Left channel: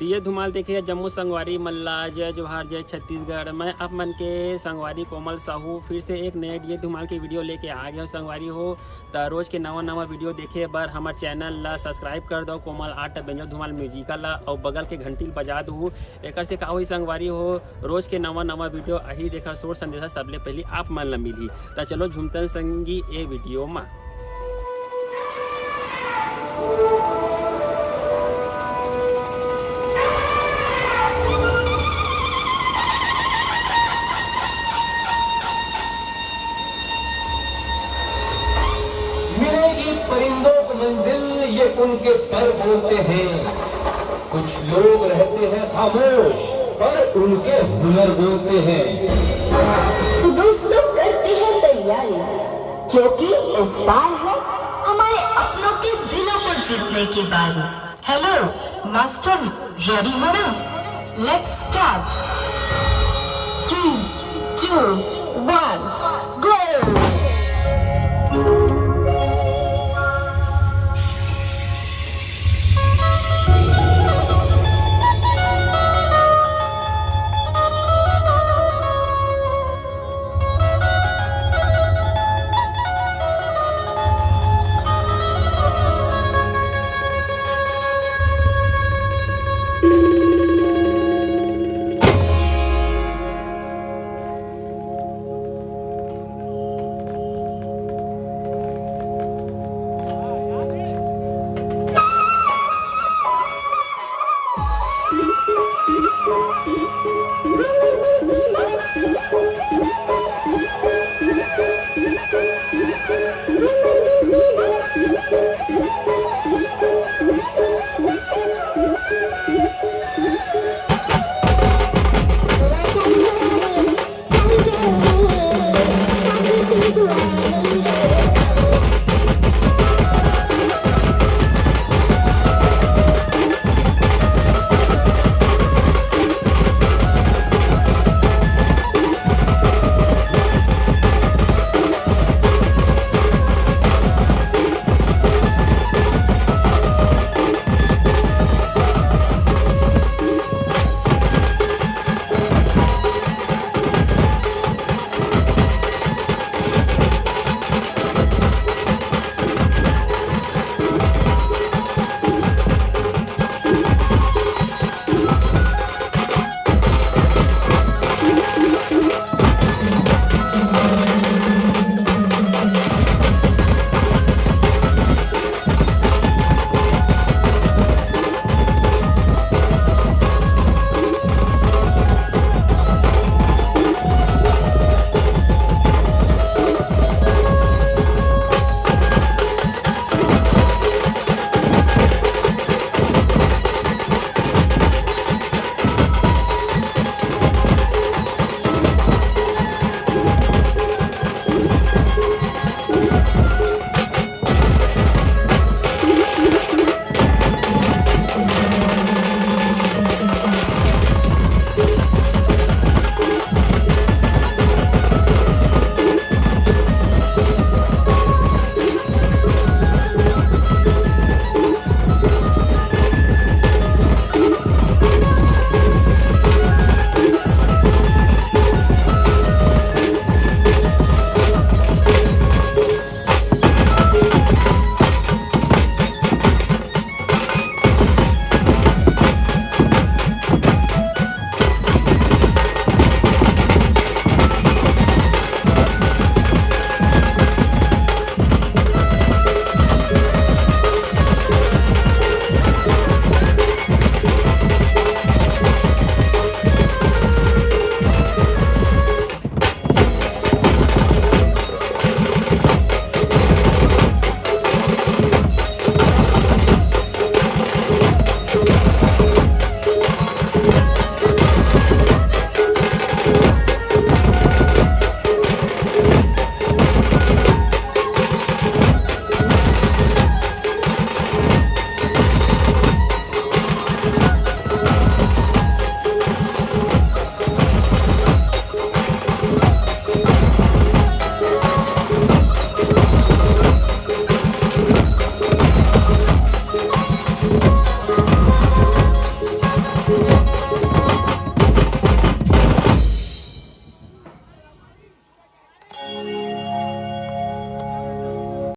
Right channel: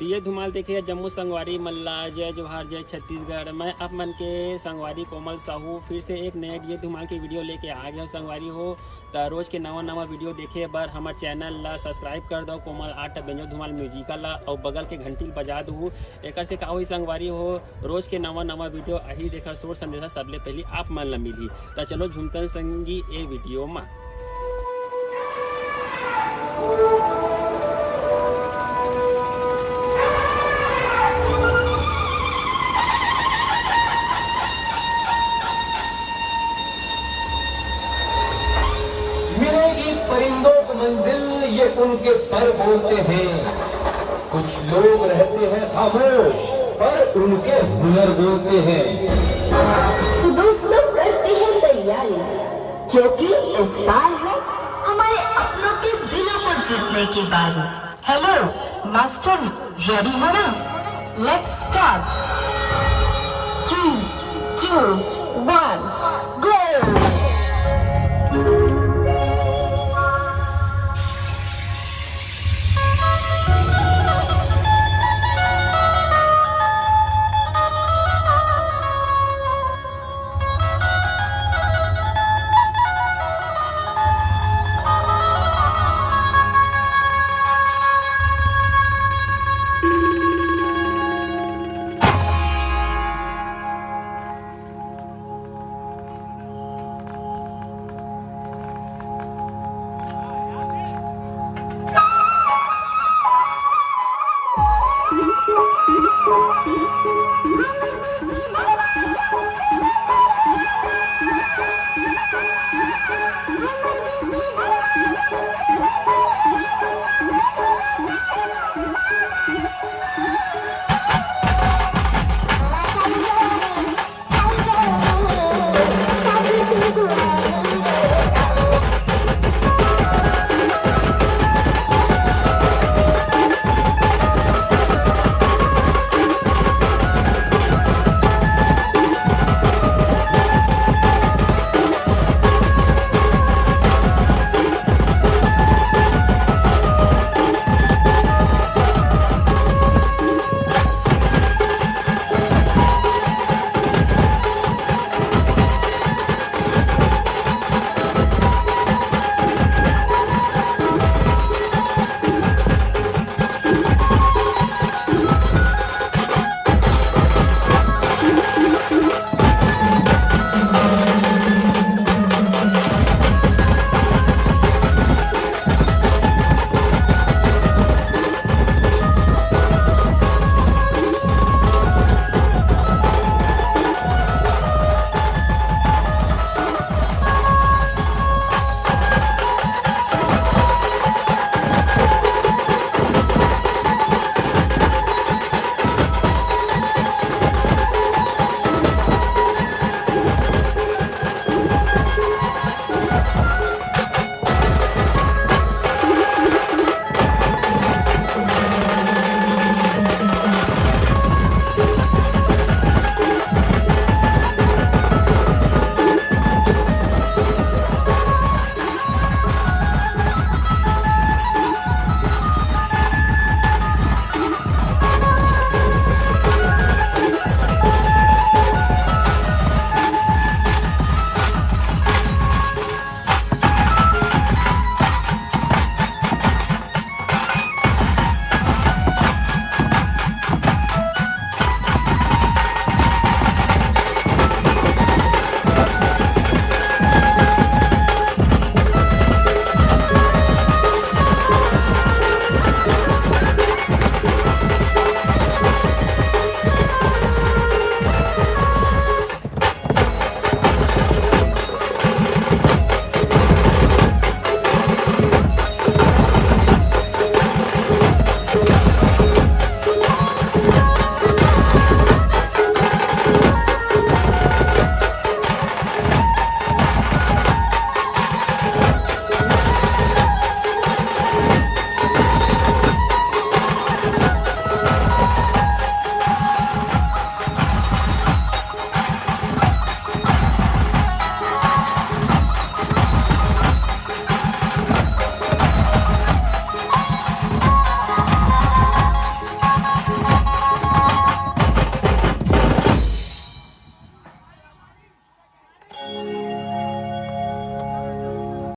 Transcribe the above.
दिए धुमाल देखिए जम्मू संगवारी मल्ला जय जोहार जय छत्तीसगढ़। मैं आप मन के संगवारी कोमल साहू फिर से एक नए दिए धुमाल की वीडियो लेके आ गया संगवारी हो। तो रोज के नवा वीडियो देखे बर हमारे चैनल ला सब्सक्राइब कर दो कोमल आर्ट बेंजो धुमाल म्यूजिकल ला और बगल के घंटी बजा दू। एक से का हुई संगवारी हो रोज के नवा वीडियो अही देखा सोच संदेशा सबले पहले आप मन ला मिली। तो चलो झुमतन संगी ए वीडियो में। मिलेगी परिंदों को मंजिल ये उनके पर बोलते हैं। कुछ लोग रहते हैं खामोश पर उनके हुनर बोलते हैं। तो दोस्तों करते हैं तैयारी क्योंकि इस बार है हमारे अपनों के दिलों को जीतने की बारी। हेलो मास्टर, रेडी हो ना? Let's start. 3, 2, 1 गो।